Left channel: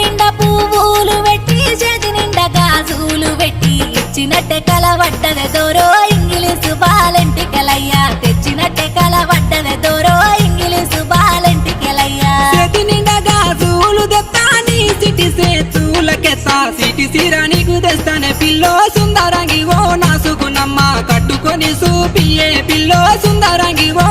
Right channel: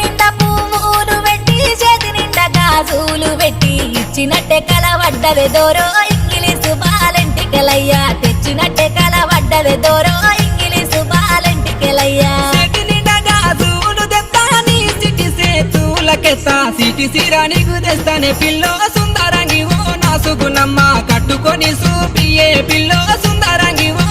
నిండా పువ్వులు పెట్టి చేతి నిండా గాజులు పెట్టి ఇచ్చినట్టే కలవడ్డదే దోరో ఇంగిలీసు బాలెంటికెలయ్యా తెచ్చినట్టే కలవడ్డదే దోరో ఇంగిలీసు బాలెంటికెలయ్యా చేతి నిండా గాజులు తెస్తాని సిటి సేతులకెత్తా సిటి సిరా నీకు తెస్తానే పిల్లో సుందరంగి ఓ నా సుగుణమ్మ కట్టుకొని సూపియే పిల్లో సుందరంగి ఓ